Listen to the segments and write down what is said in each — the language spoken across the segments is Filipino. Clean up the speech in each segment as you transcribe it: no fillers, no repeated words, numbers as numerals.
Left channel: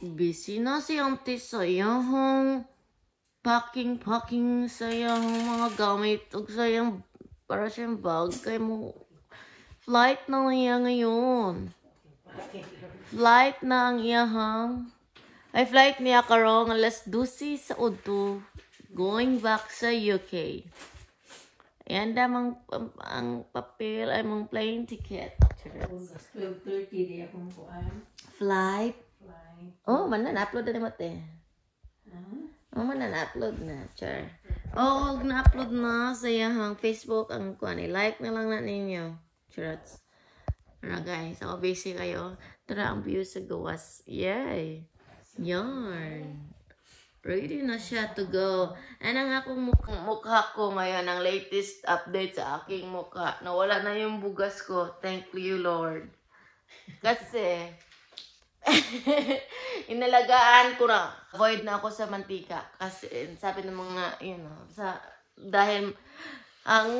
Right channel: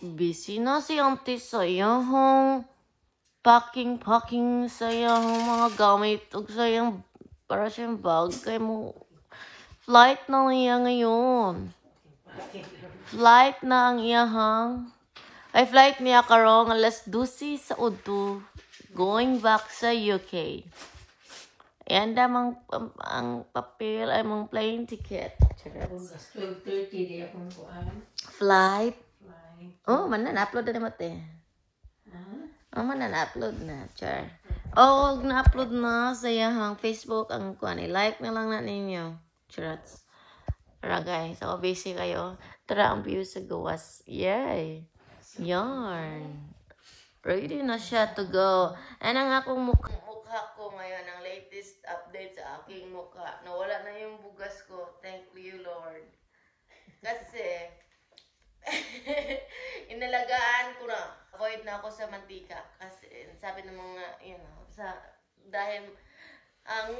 Busy na si auntie sa iyahong packing sa iyahong mga gamit o sa iyang para siyang bag kay mo. Flight na niya ngayon. Flight na ang iyahang. Ay, flight niya karong alas 12 sa Udo. Going back sa UK. Ayan damang ang papel ay mong plane ticket. 12:30 di akong kuan. Flight. Oh, mana na-upload na naman eh. Oh, mana na-upload na. Char. Oh, wag na-upload na sa iyahang Facebook ang kuan. Like na lang na ninyo. Charats. Tara guys, ako busy kayo. Tara ang view sa gawas. Yay! Yarn. Ready na siya to go. And ang akong mukha ko ngayon, ang latest update sa aking mukha. Nawala na yung bugas ko. Thank you, Lord. Kasi, inalagaan ko na. Avoid na ako sa mantika. Kasi, sabi ng mga, dahil ang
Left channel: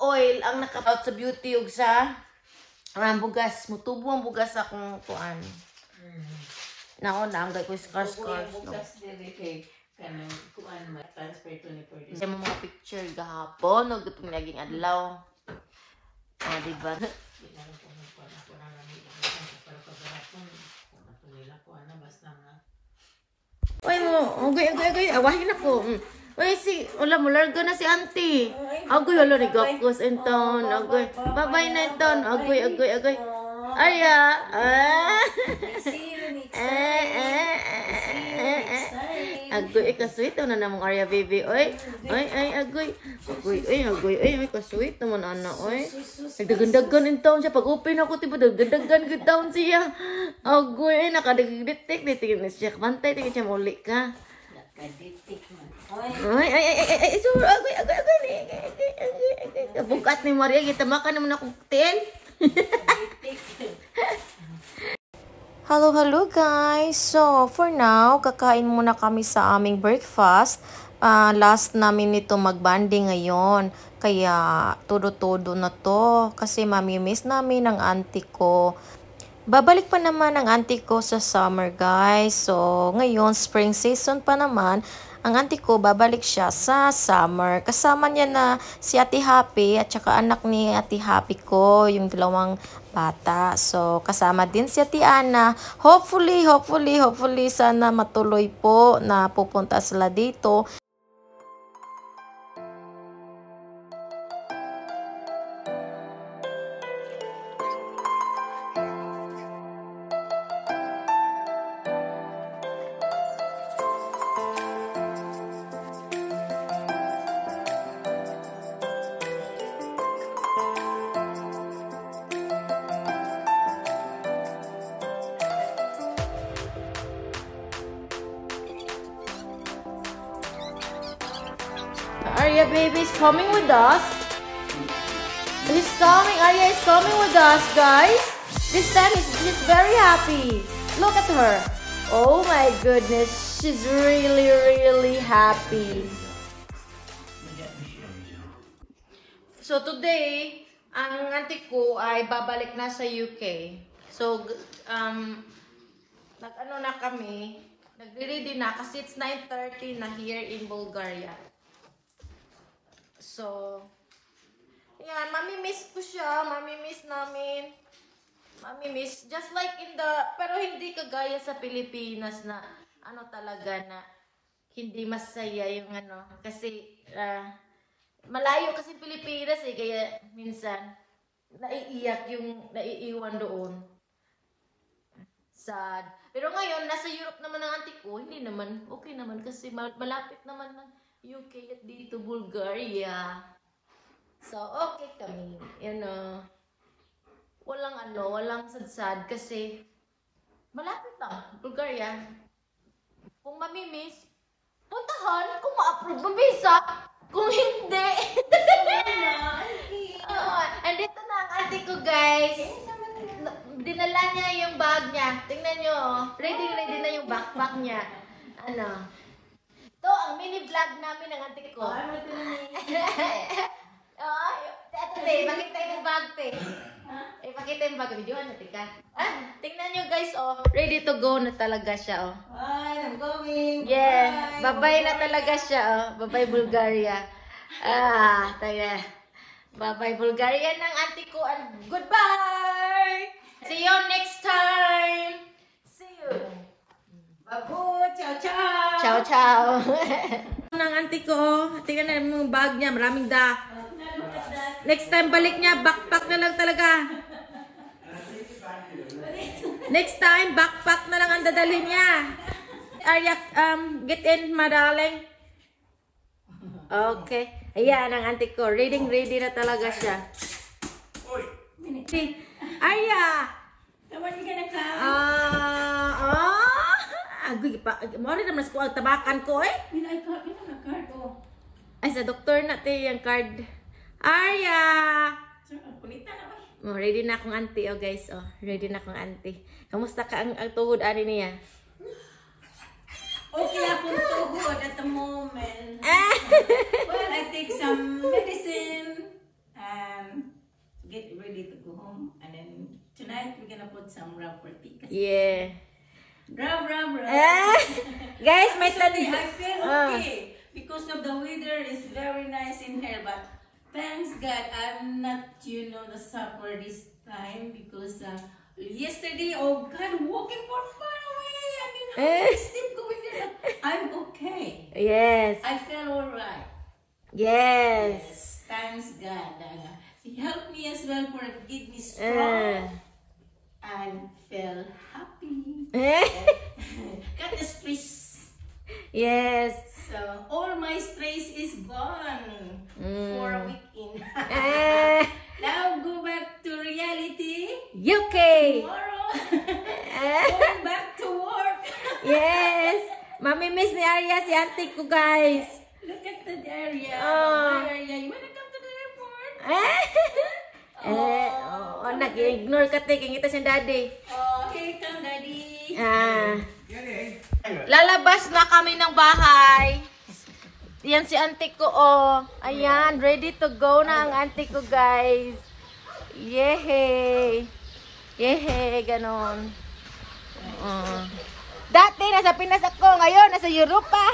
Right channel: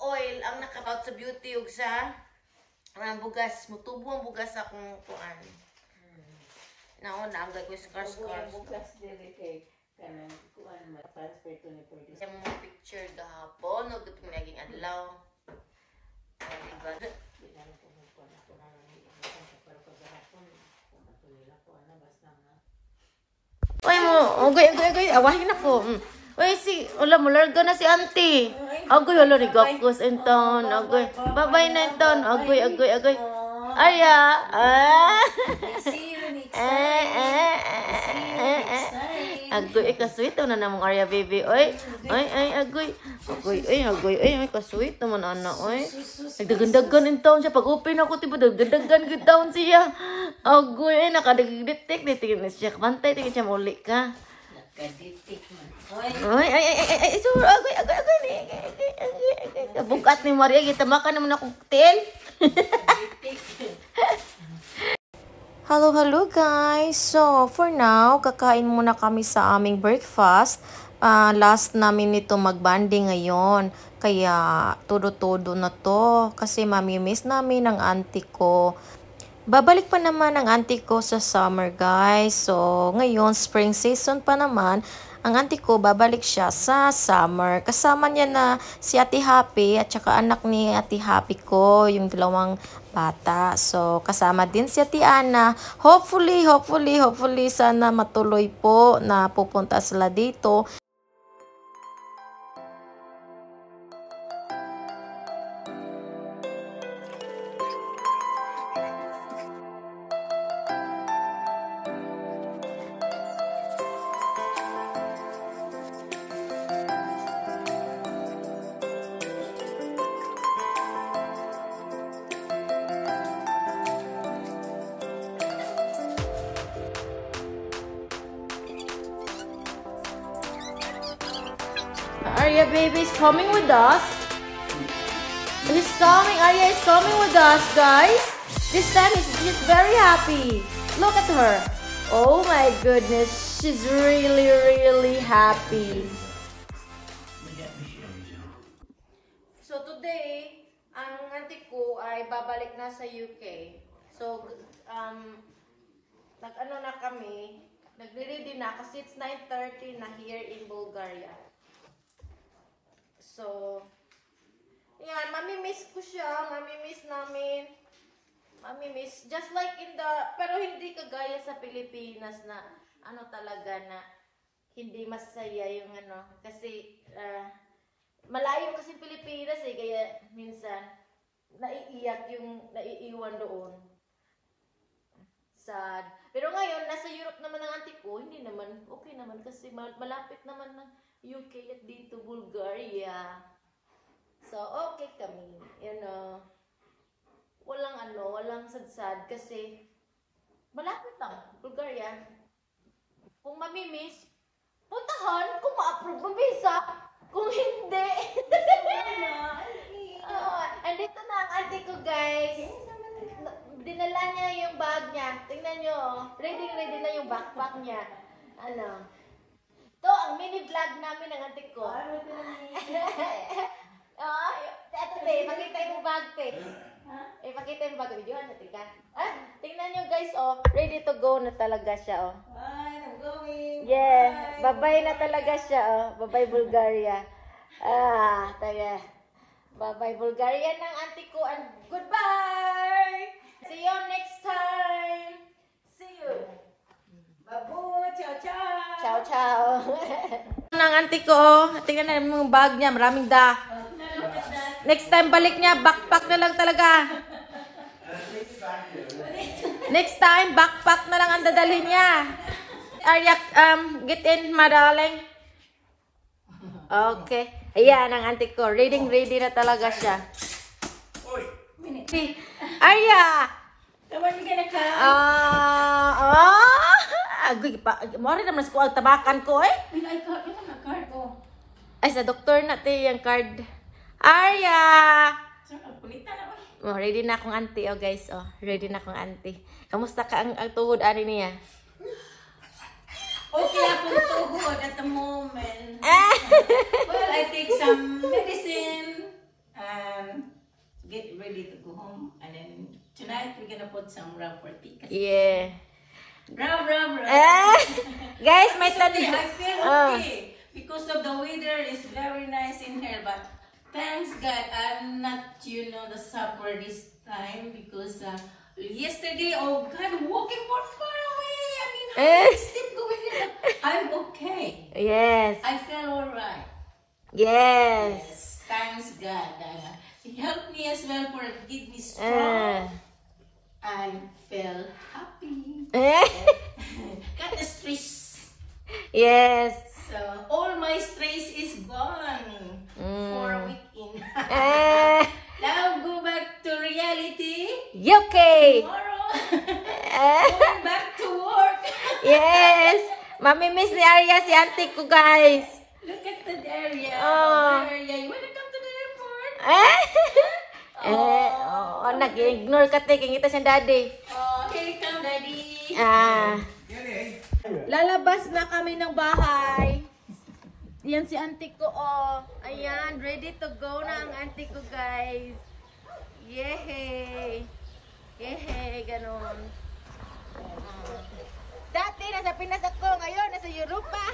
oil, ang nakapout sa beauty ug sa bugas. Mutubo ang bugas akong kuan. Naon na, ang gay ko scars. Bugas dili kay kanang kuan ma-transfer 24 days. Sa mga picture gahapon, ug itong naging adlaw. Diba? Uy mo, agoy, awahin ako. Uy, wala mo, larga na si auntie. Agoy, wala, rigapos, enton. Agoy, babay na enton. Agoy. Aya, agoy, kasweet na namang Arya baby. Oy, agoy, kasweet naman ana, oy. Nagdagandagan in town siya. Pag-open ako, tiba, nagdagandagan in town siya. Agoy, nakadagditik. Tingin na siya. Kapantay, tingin siya muli ka. Ay, sur, agoy. Bukat ni Maria, kita makan naman akong cocktail. Hello guys. So, for now, kakain muna kami sa aming breakfast. Last namin nito magbanding ngayon. Kaya, todo-todo na to. Kasi mamimiss namin ang auntie ko. Babalik pa naman ang auntie ko sa summer, guys. So, ngayon, spring season pa naman. Ang auntie ko, babalik siya sa summer. Kasama niya na si Ate Happy at saka anak ni Ate Happy ko, yung dalawang bata. So, kasama din si Ate Ana. Hopefully, sana matuloy po na pupunta sila dito. Arya baby is coming with us. Arya is coming with us, guys. This time she's very happy. Look at her. Oh my goodness, she's really happy. So today, ang auntie ko ay babalik na sa UK. So, nag-ano na kami, nagre-ready na kasi it's 9:30 na here in Bulgaria. So, yan, mamimiss ko siya, mamimiss namin. Mamimiss, just like pero hindi kagaya sa Pilipinas na, talaga na, hindi masaya yung kasi, malayo kasi Pilipinas kaya minsan, naiiyak yung naiiwan doon. Sad. Pero ngayon, nasa Europe naman ang auntie ko, hindi naman, okay naman kasi malapit naman ng UK at dito, Bulgaria. So, okay kami. Walang sad-sad kasi malapit lang, Bulgaria. Kung mamimiss, puntahan, kung ma-approve ng visa. Kung hindi. Andito na ang auntie ko, guys. Dinala niya yung bag niya. Tingnan nyo. Ready na yung backpack niya. Ito, ang mini vlog namin ng auntie ko. Ate, makita yung bag, te. Ipakita yung bago video natin ka. Tingnan nyo guys, oh. Ready to go na talaga siya, oh. Hi, I'm going. Yeah. Bye-bye na talaga siya, oh. Bye-bye Bulgaria. Taga. Bye-bye Bulgaria ng auntie ko. Goodbye! See you next time! See you! Babu, ciao, ciao. Ciao, ciao! Ng auntie ko, tingnan na yung bag niya. Maraming da. Next time balik niya, backpack na lang talaga. Next time, backpack na lang ang dadalhin niya. Arya, get in, madaling. Okay. Ayan, ang auntie ko. Ready na talaga siya. Si Arya! So when you gonna come? Agoy pa. Mori naman ko ang tabakan ko eh. I got a card. Oh. Ay, sa doktor na tayo yung card. Arya! So, pulita naman. Oh, ready na akong auntie, oh guys. Oh, ready na akong auntie. Kamusta ka ang tuhod ani niya? Okay, akong tuhod at the moment. Well, I take some medicine and get ready to go home. And then tonight we're gonna put some rub for tea. Yeah. Rub. Guys, may Today tanong. I feel okay because of the weather is very nice in here. But thanks God, I'm not, the supper this time because yesterday, oh God, walking for far away. I mean, how steep going there. I'm okay. Yes. I feel alright. Yes. Thanks God. He helped me as well for give me strong and feel happy. Got the stress. Yes. So all my stress is gone for a weekend. Now go back to reality. Okay. Tomorrow, going back to work. Yes. Mamimiss ni Arya si auntie ko, guys. Look at the area. Oh. The area. You wanna come to the airport? Nag-ignore ka, te. Kingita siyang daddy. Oh, here come daddy. Lalabas na kami ng bahay. Yan si auntie ko, oh. Ayan, ready to go na ang auntie ko, guys. Yehey. Yehey, ganon. Dati, nasa Pinas ako. Ngayon, nasa Europa.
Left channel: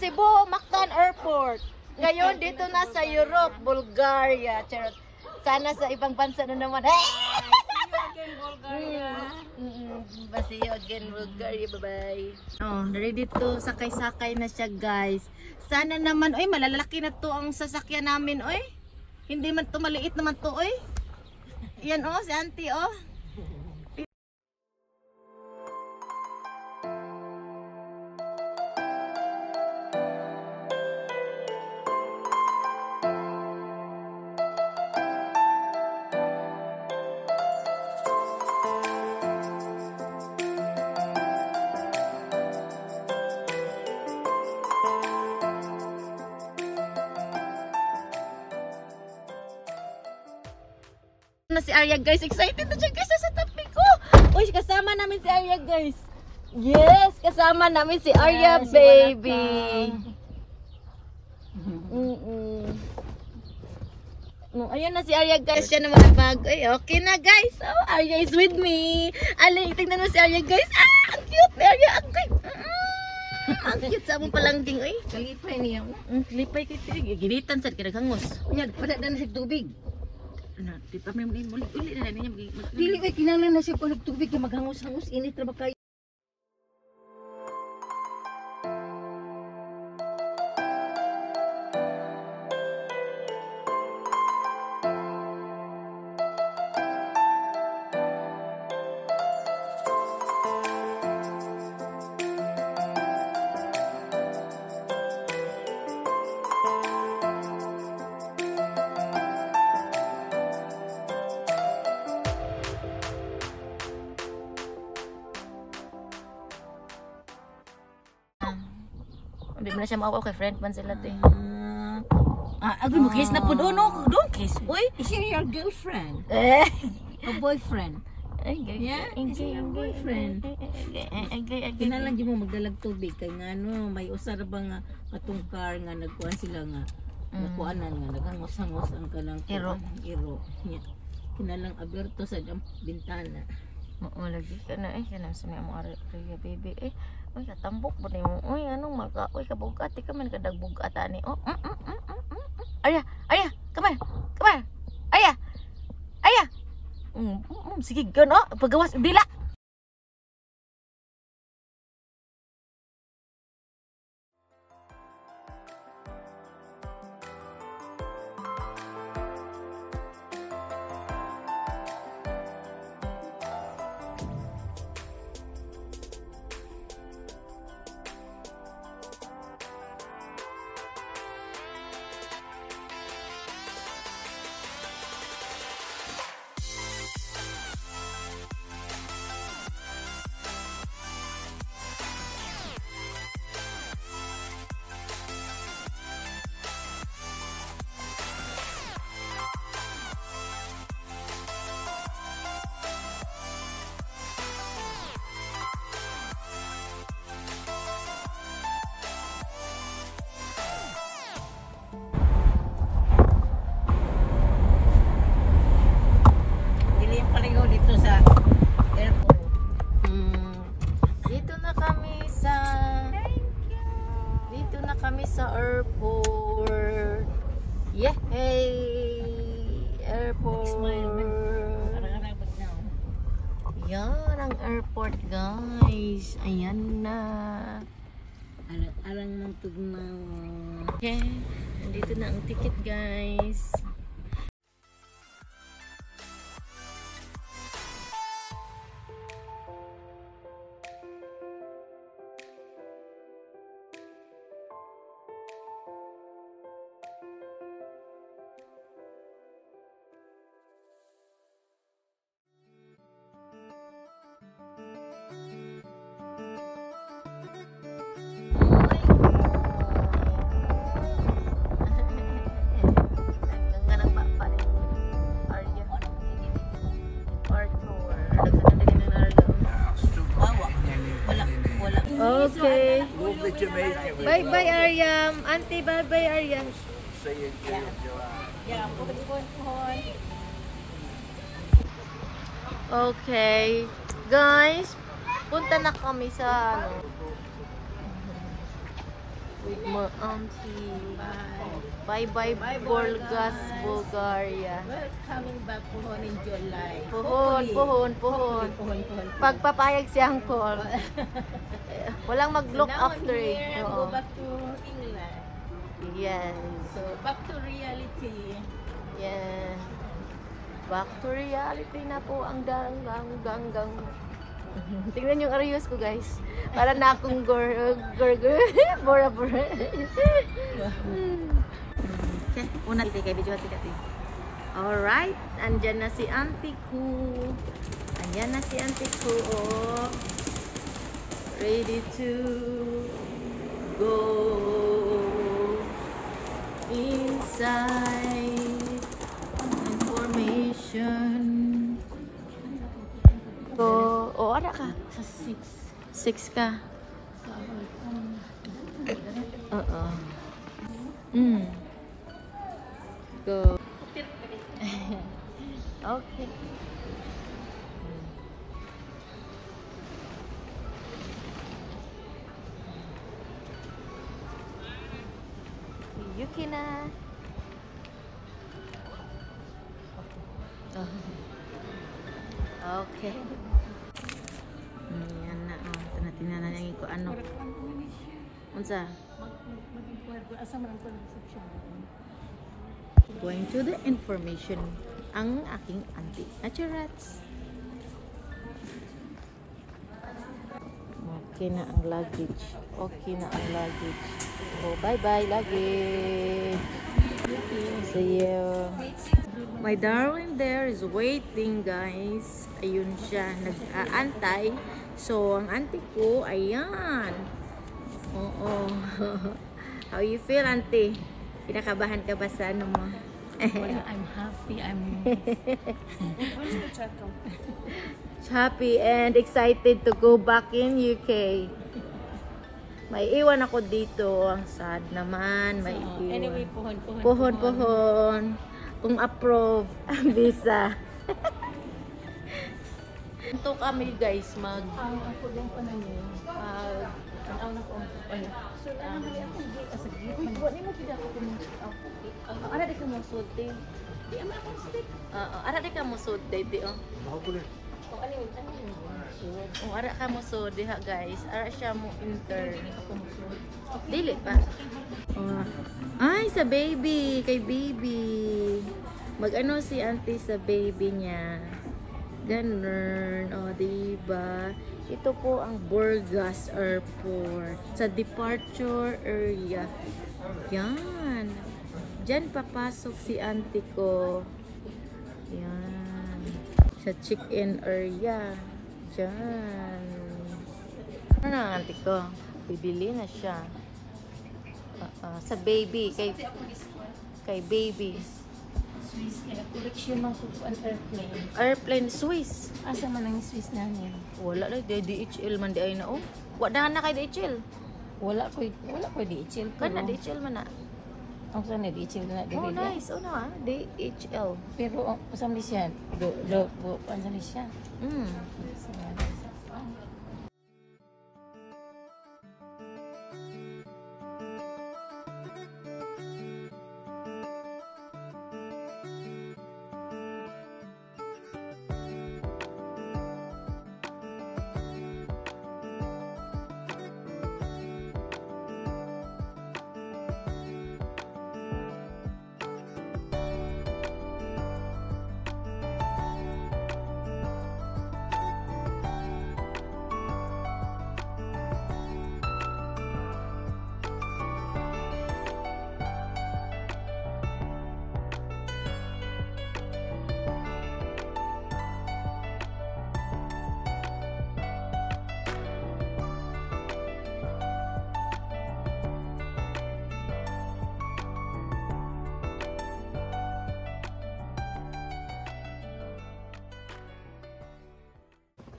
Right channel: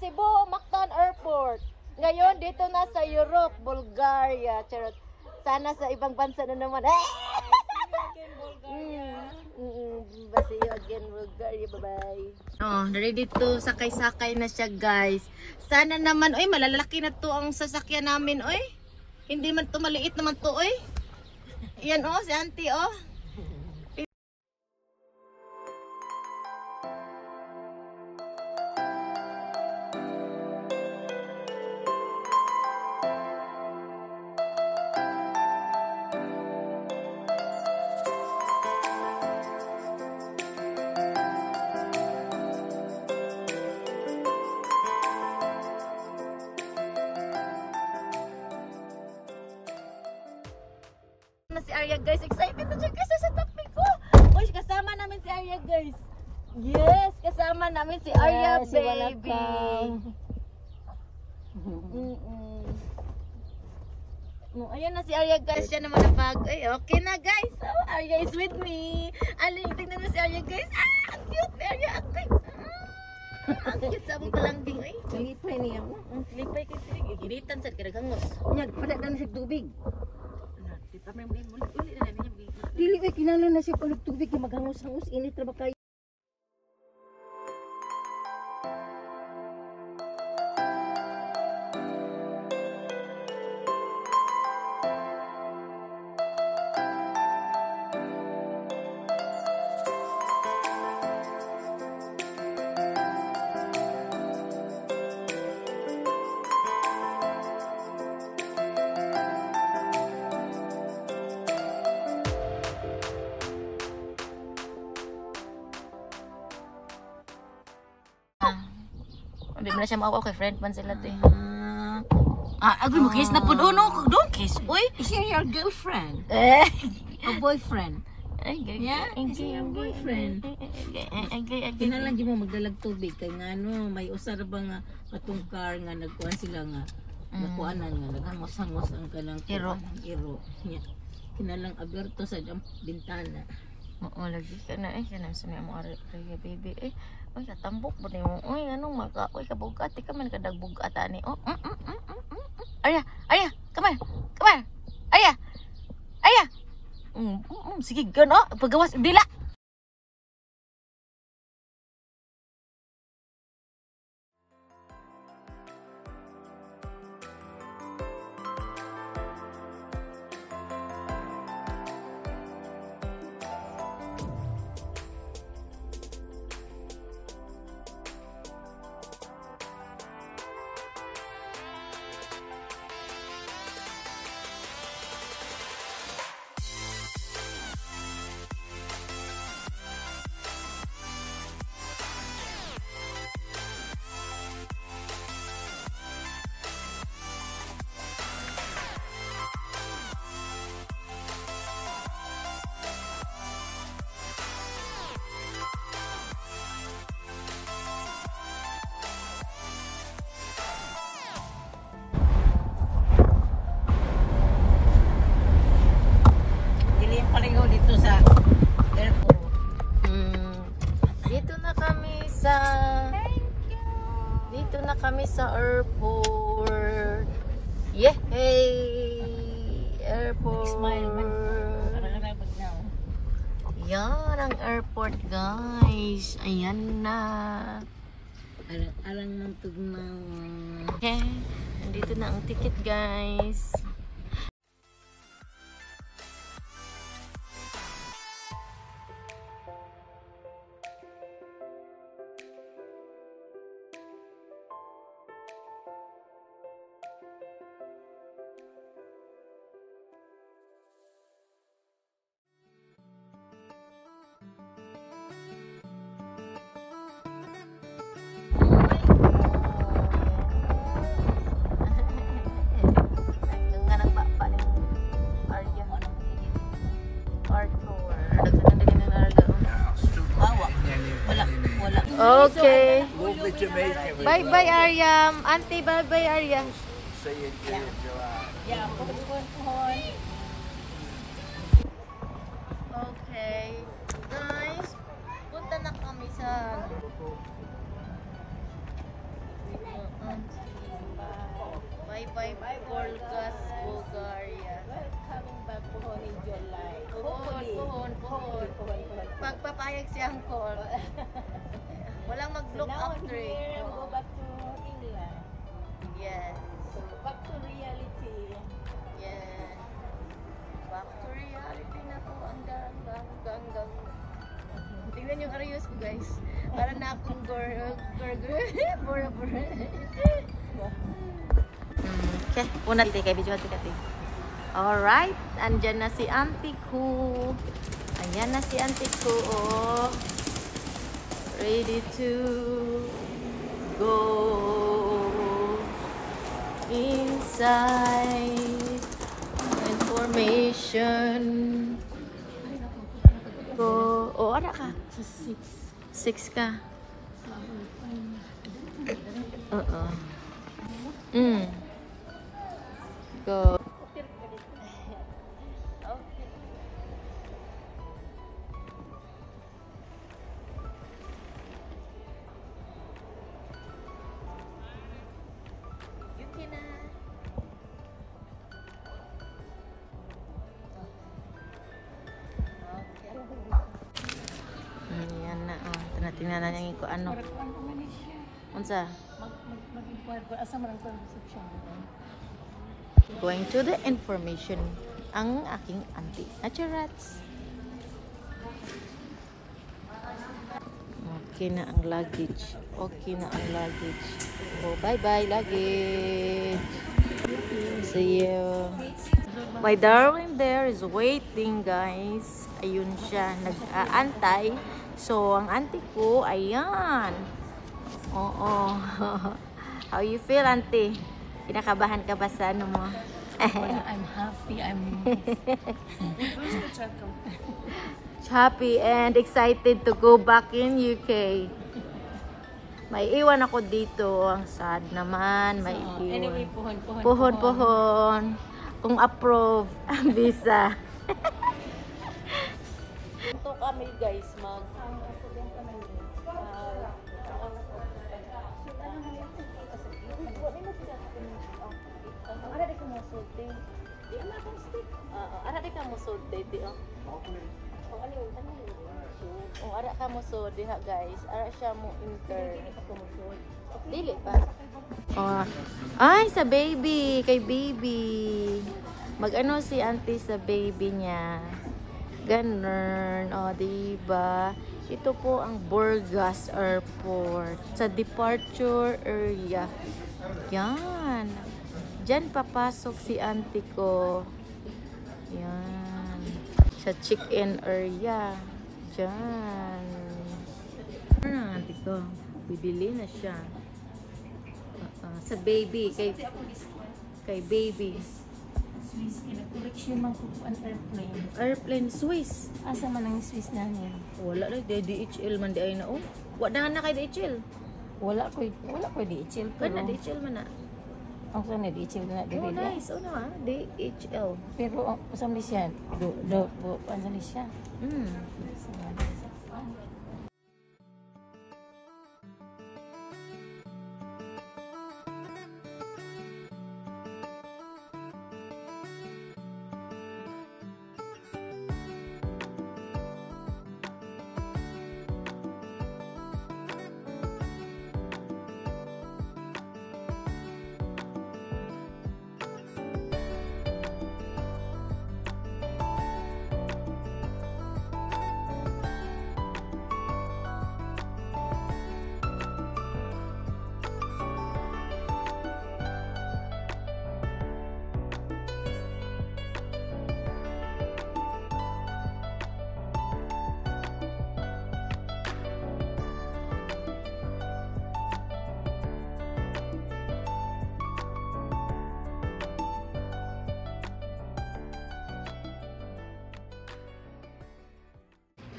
Cebu, Mactan Airport. Ngayon, dito na sa Europe, Bulgaria. Charot. Sana sa ibang bansa na naman. See you again, Bulgaria. Bye-bye. Oh, ready to sakay-sakay na siya, guys. Sana naman, oy, malalaki na to ang sasakyan namin, oy. Hindi man to, maliit naman to, oy. Yan, oh, si auntie, oh. Na si Arya, guys, excited na siya, guys, sa tabi ko. Uy, kasama namin si Arya, guys. Yes, kasama namin si Arya, baby. Ayan na si Arya, guys. Siya na mga bag. Ay, okay na, guys. Oh, Arya is with me. Alay, tingnan mo si Arya, guys. Ang cute ni Arya. Ang cute. Ang cute sa among palangging, oy. Kalipay niya. Kalipay kita. Ginitan sa kinaghangos. Yan, padadaan sa tubig. Di pa may uli na niya. Dili ba kinahanglan na siya pag tubig kay maghangos-hangos init ra ba kayo? Hindi mo na siya maawa kay friend man sila te. Agad mo kiss na po doon, no? Don't kiss, uy. Is he your girlfriend? Or boyfriend? Ay, Yeah, is he your boyfriend? Agay. Kinalang di mo magdalag tubig kay nga no, may usar ba nga atong car nga nagkuhan sila nga Nakuanan nga dagang masangos ang kalang Iro. iro. Kinalang aberto sa jang bintana. Oo, lagi ka na eh. Kanang sa mo ari baby eh. Uy, katambok po mo. Uy, anong maka? Uy, kabugat. Ika man kadagbugat ani. Oh, Arya! Arya! Come here! Come here! Arya! Arya! Sige, gano. Pagawas, dila! Dilim pareho dito sa airport. Dito na kami sa airport. Yehey! Airport. Smile man. Parang bagnaw. Yan ang airport, guys. Ayan na. Alang ng tugnaw. Okay. Nandito na ang ticket, guys. Okay. Bye bye Aryam. Auntie, bye bye Aryam. Okay. Guys, punta na kami sa ano. With my auntie. Bye bye Burgas, Bulgaria. We're coming back Puhon in July. Puhon. Pagpapayag siyang call. Walang mag-look after it. Go back to England. Yes. So, back to reality. Yes. Back to reality na po ang gang. Tingnan yung arayos ko, guys. Para na akong bora. Okay, unat kay video ati kati. Alright, andyan na si auntie ko. Ayan na si auntie ko. Oh. Ready to go inside. Information. Go. Oh, ada ka? Sa 6 6. ka. Go. Okay. Yuki na. Okay. Yan na. Tingnan na niya ko ano. Unsa? Mag-inquire ko asa man ang reception. Going to the information ang aking auntie. Naturats. Okay na ang luggage. Oh, bye-bye luggage. See you. My darling there is waiting, guys. Ayun siya, nag-aantay. So, ang auntie ko, ayan. Oo. How you feel, auntie? Kinakabahan ka ba sa ano mo? Well, I'm happy. I'm happy and excited to go back in UK. May iwan ako dito. Ang sad naman. May Anyway, iwan. puhon. Puhon. Kung approve ang visa. Ito kami guys Ako din pa na niyo. Tanaw na ko. Wala. So, ano na ako hindi asagit. Magbuhat mo pila ko din. Ara di ka mo sulti. Di ama ako asagit. Ara di ka mo sulti ti oh. Ano yun? Ara ka mo so diha guys. Ara siya mo intern. Dili pa. Ay sa baby, kay baby. Mag-ano si auntie sa baby niya. Ganun. Diba? Ito po ang Burgas Airport. Sa departure area. Yan. Diyan papasok si auntie ko. Yan. Sa check-in area. Diyan. Ano na auntie ko? Bibili na siya. Sa baby. Kay baby. Swiss. Correction man ko ang airplane. Airplane Swiss. Asa man ang Swiss namin? Wala na. DHL man di ay na. Wala na kay DHL. Wala ko DHL ko. Mana DHL man na. Ang sa DHL na dili. Nice. DHL. Pero ang usam siya. Ano siya?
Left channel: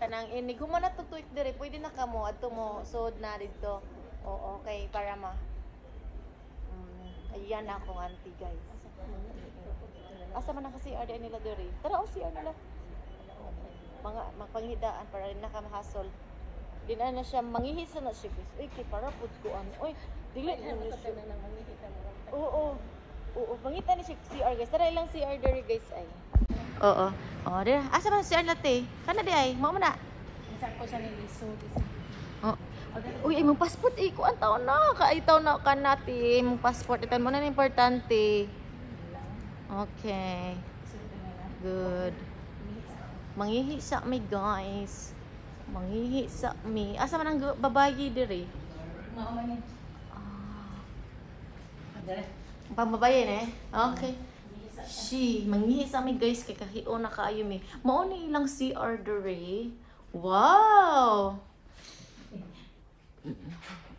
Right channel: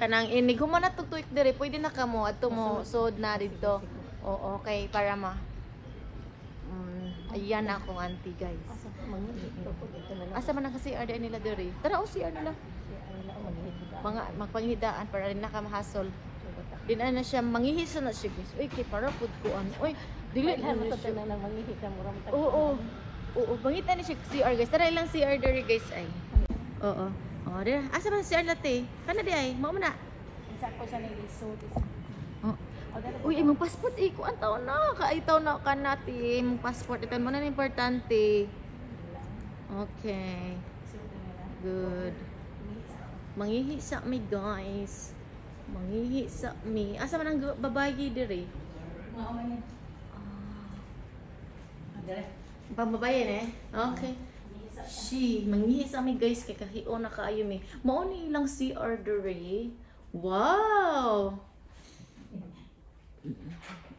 Kanang inig mo na tutuik dire, pwede na kamo ato mo sod na dito. Oo, okay para ayan na akong auntie guys. Asa man ang kasi RD nila dire. Tara o CR nila. Mga magpanghidaan para rin nakamahasol. Dinan na siya mangihis na siya guys. Uy, kay para pud kuan. Uy, dili na siya na mangihit na muram ta. Oo, pangitan ni siya CR guys. Tara ilang CR dire guys ay. Oo. Dire. Asa man CR latte? Kana di ay? Mao man na. Isa ko sa nilisod. Uy, imong passport kuan taon na. Kaitaw na ka natin. Imong passport itan mo na importante. Okay. Good. Mangihi sa mi guys. Mangihi sa mi. Asa man ang babayi dire? Mao man ni. Dire. Pambabayan Okay. Mangihi sa mi guys kay kahio na kaayo mi. Mao ni ilang CR dire. Wow!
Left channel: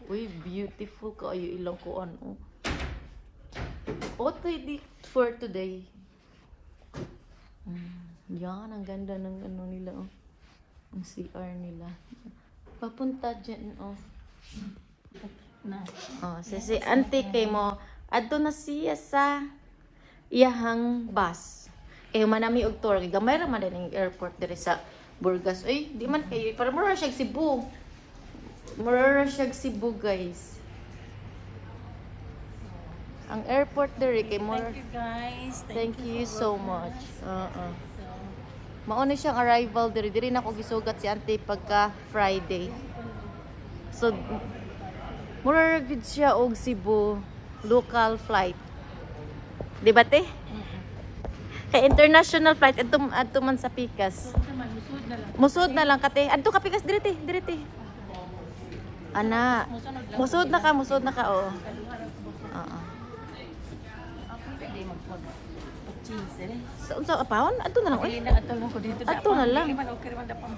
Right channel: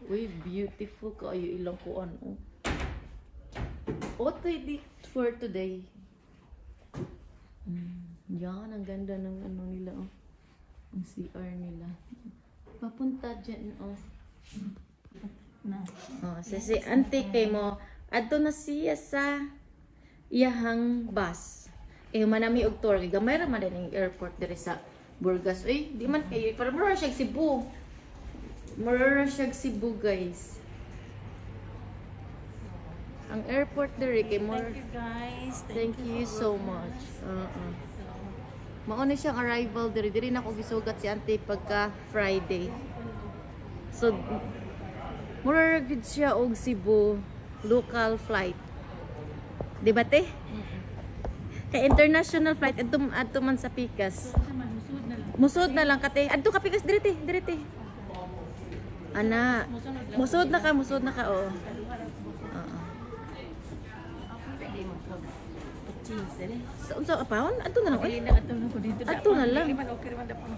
Uy, beautiful kayo ilang kuan. Ready for today. Yan, ang ganda ng ano nila ang CR nila. Papunta dyan si auntie kay mo adto na siya sa iyahang bus. Manami og tour gamay ra man din airport diri sa Burgas. Di man kayo para mura siya Cebu. Mura siya Cebu guys. Ang airport diri kay more. Thank you guys. Thank you so much. Mauna siyang arrival diri na ko gisugat si auntie pagka Friday. So mura gid siya og Cebu local flight. Di ba te? Kay international flight adto man sa Pikas. Musod na lang kate. Adto ka Pikas diri te. Ana. Musod na ka oo. Pwede mag-cheese eh. Unsa apahon? Adto na lang. Dili na ato lang ko dito. Adto na lang. Dili man okay man dapat.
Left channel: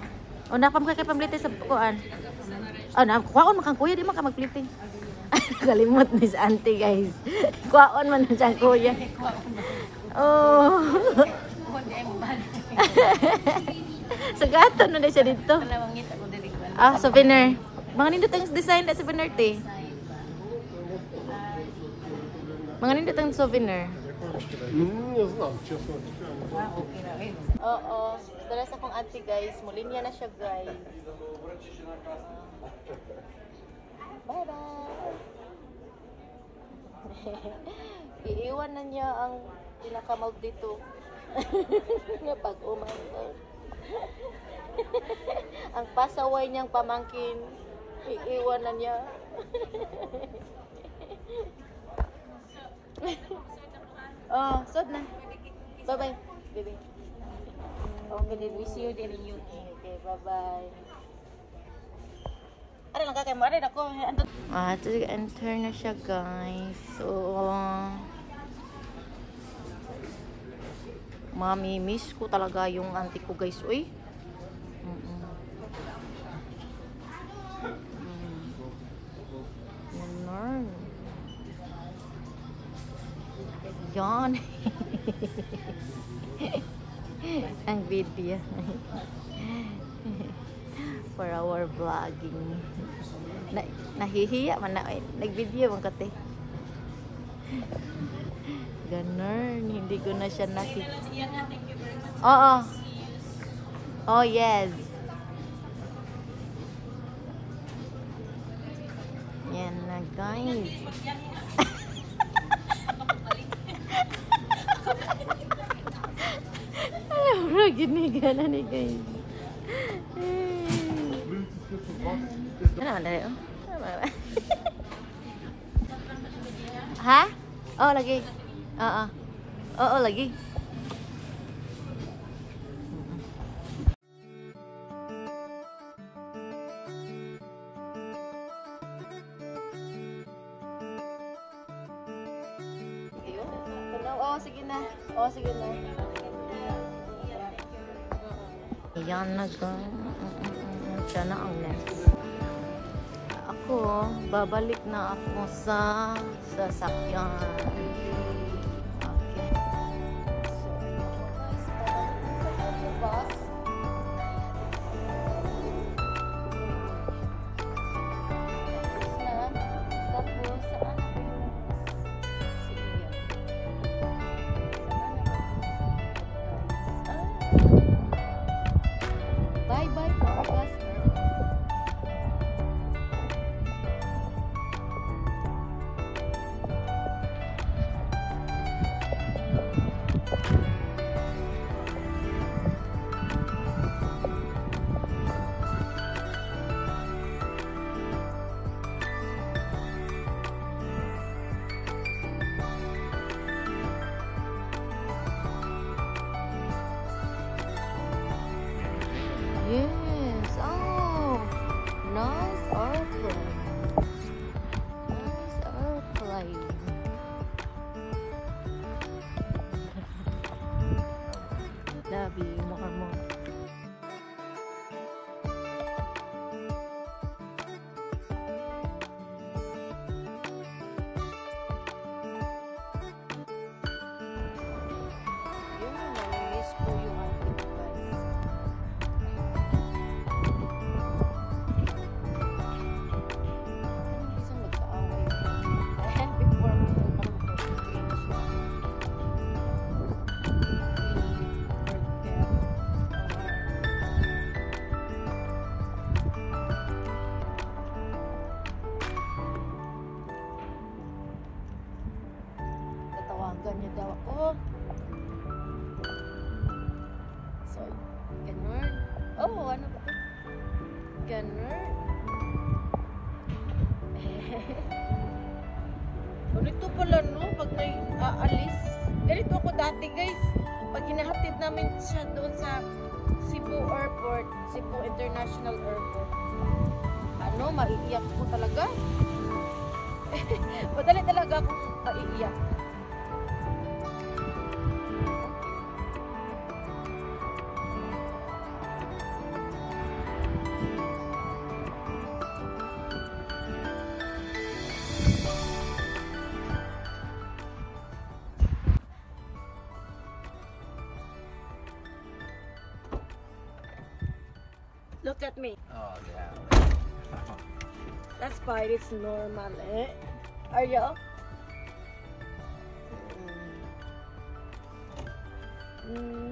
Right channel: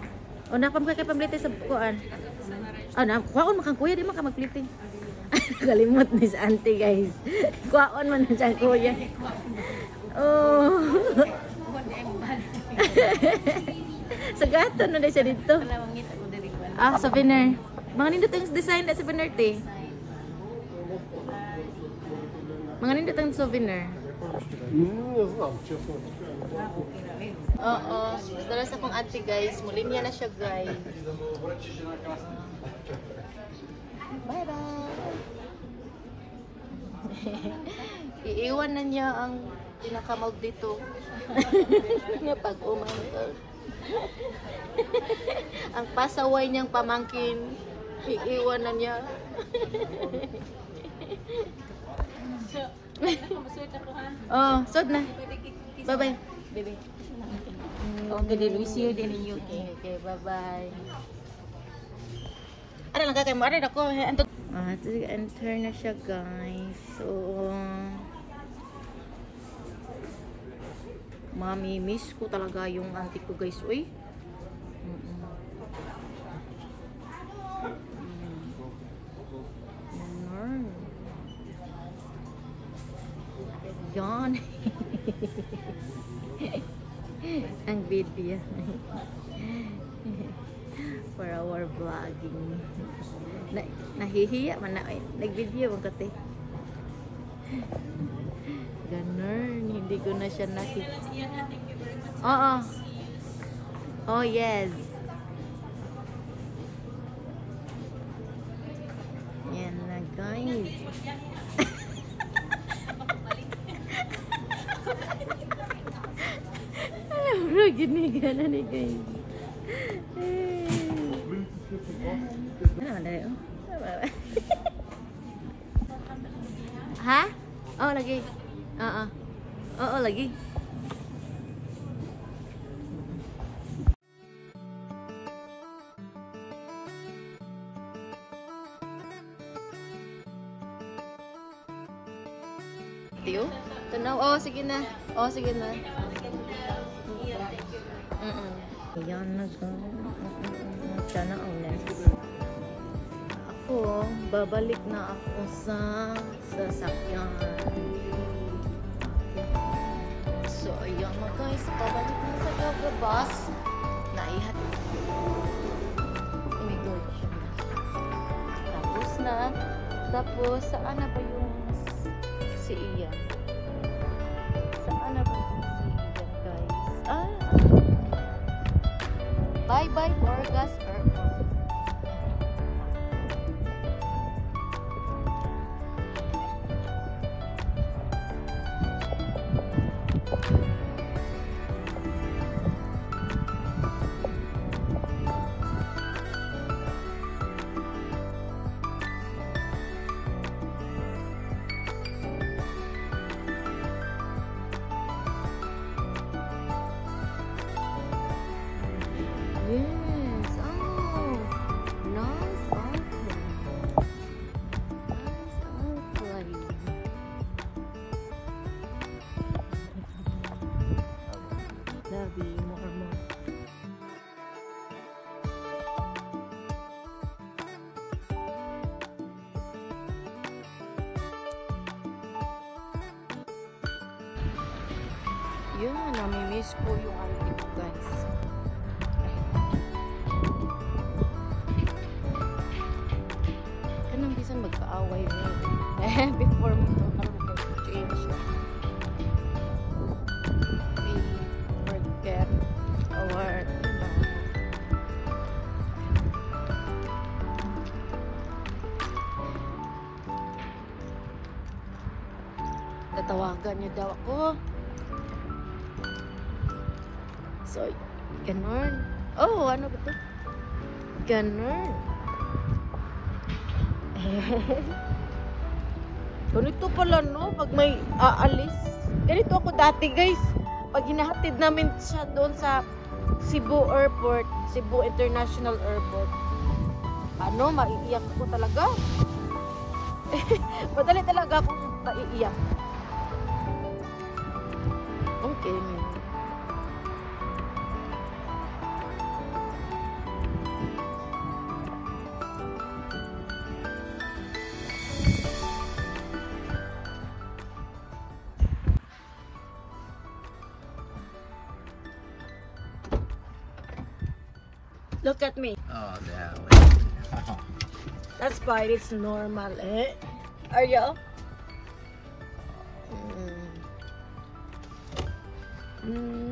Napam ka kay pamlite sa kuan. Kuwaon makang kuya di man ka magplite. Kalimot ni sa auntie guys. Kuwaon man sa kuya. Oh. Sa gato na siya dito. Wala mangita ko diri ko. Souvenir. Mga nindot ang design na souvenir te. Mga nindot souvenir. Okay na rin. Oo. Dala sa akong auntie guys. Mulinya na siya guys. Bye-bye. Iiwan na niya ang pinakamal dito. Nga pag-umanto. Ang pasaway niyang pamangkin. Iiwan na niya. Oh, sod na. Bye-bye. Baby. Okay, then we see you then in UK. Okay, bye-bye. Ano lang kakay mo? Ano ako? Ito enter na siya guys. So, mami, miss ko talaga yung auntie ko guys. Uy. Yan. Yan. Ang video. For our vlogging. Nahihiya man na. Nag-video bang kate? Ganun. Hindi ko na siya nakita. Thank you very much. Oo. Oh, yes. Yan na, guys. Gini gana ni guys. Ano dari? Ha? Oh lagi. Oo. Oo lagi. Tiyo? Tanaw. Oh sige na. Oh sige na. Ayan na guys. Sana ako, babalik na ako sa sasakyan. Okay. So, ayan na guys. Babalik na sa bus. Naihatid. Immigration. Tapos na. Tapos, saan na ba yung si Ian? Saan na ba yung si Ian guys? Bye-bye, Borgas Airport. Yes. Oh, nice airplane. Nice airplane. Love you more. Yun, nami-miss ko yung auntie ko guys. Before we change, we forget our tatawagan niya daw ako. So, ganun. Oh, ano ba ito? Ganun. Ganito pala no, pag may aalis. Ganito ako dati guys. Pag hinahatid namin siya doon sa Cebu Airport, Cebu International Airport. Ano, maiiyak ko talaga. Madali talaga akong maiiyak. Okay. Look at me. Oh, yeah. That's fine. It's normal, eh? Are you? Mm.